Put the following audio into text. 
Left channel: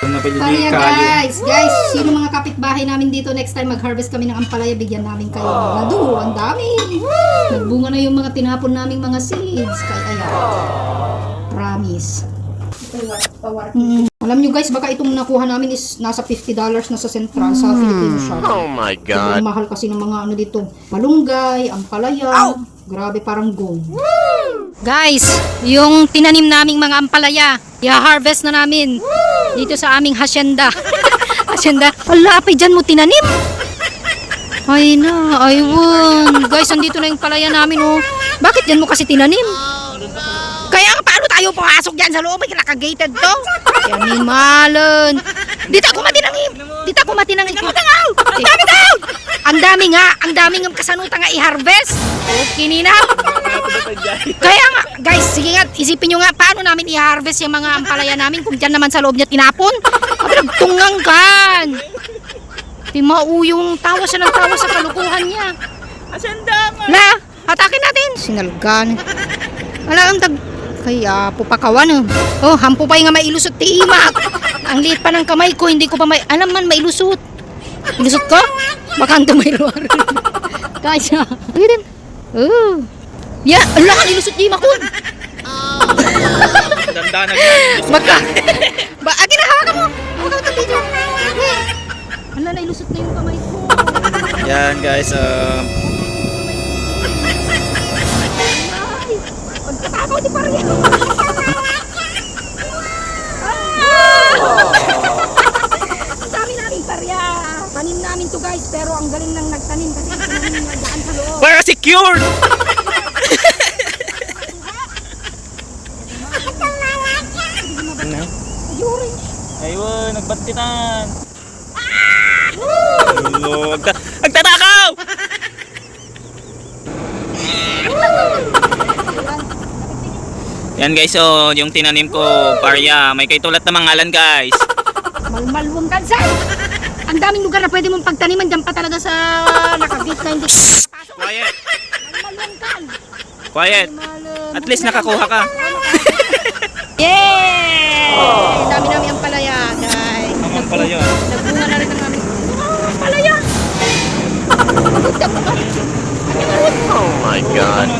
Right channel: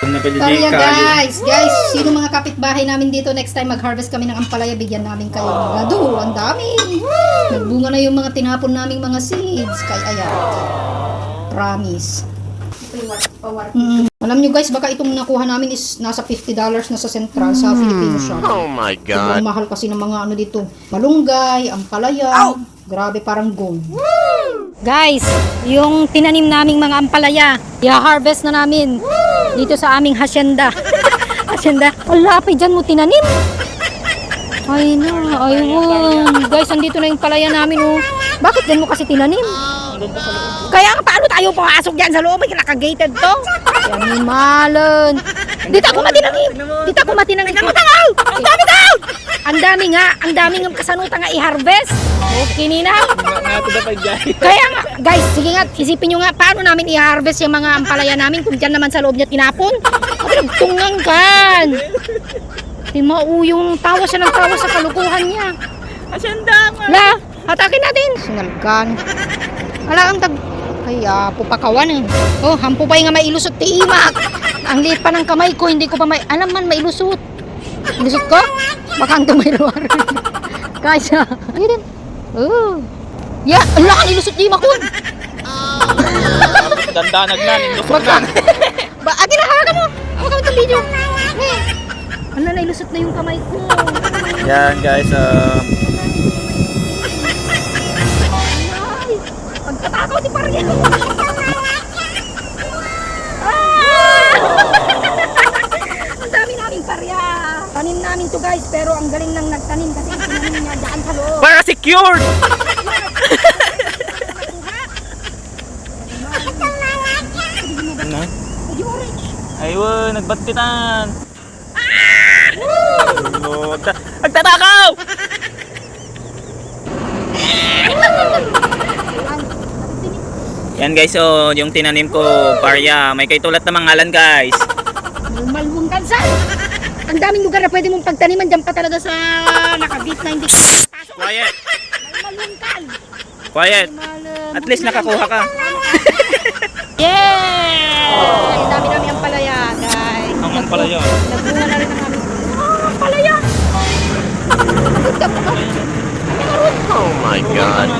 Kaya guys, sino mga kapitbahay namin dito next time mag-harvest kami ng ampalaya, bigyan namin kayo. Lado, ang dami. Nagbunga na yung mga tinapon naming mga seeds. Kaya ayan. Promise. Alam nyo guys, baka itong nakuha namin is nasa $50 na sa Central sa Filipino shop. Oh my God. Ang mahal kasi ng mga ano dito. Malunggay, ampalaya. Grabe, parang gold. Guys, yung tinanim naming mga ampalaya, i-harvest na namin dito sa aming hacienda. Hacienda. Ala, apay dyan mo tinanim. Ay na, ayun. Guys, andito na yung palaya namin, oh. Bakit dyan mo kasi tinanim? Kaya paano tayo pumasok dyan sa loob? Ay, naka-gated to. Yan, malon. Dito ako matinanim. Dito ako matinanim. Tingnan mo tangaw! Ang dami ko! Ang dami ng kasanuta nga i-harvest. Okay, Nina. Kaya nga, guys, sige nga, isipin nyo nga, paano namin i-harvest yung mga ampalaya namin kung dyan naman sa loob niya tinapon? Nagtungang kan. Timau yung tawa siya ng tawa sa kalukuhan niya. Asyenda nga. La, hatakin natin. Sinalgan. Wala ang tag... Kaya pupakawan. Oh, hampo pa yung nga mailusot tiimak. Ang liit pa ng kamay ko, hindi ko pa may... Alam man, mailusot. Ilusot ka? Baka ang tumayluwar. Kaya, hindi din. Oh. Ya, ala ka nilusot di makun. Dandanag na, nilusot ka. Ba, agin na hawakan mo. Hawakan mo video. Ano na ilusot na yung kamay ko. Yan guys, Pagkatakaw di Paria. Ang dami naming Paria. Tanim namin to guys, pero ang galing lang nagtanim kasi tinanim niya daan sa loob. para secured! Ano? Ayun, nagbantitan. Nagtatakaw! Yan guys, so yung tinanim ko, parya, may kaitulat na mangalan guys. Malmalwang kansan. Ang daming lugar na pwede mong pagtaniman dyan pa talaga sa nakagit na hindi. Quiet! Malmalwang kan. Quiet! At least nakakuha ka. Yay! Ang dami namin ang palaya, guys. Ang ampalaya. Nagbunga na rin ang aming palaya. Oh my God.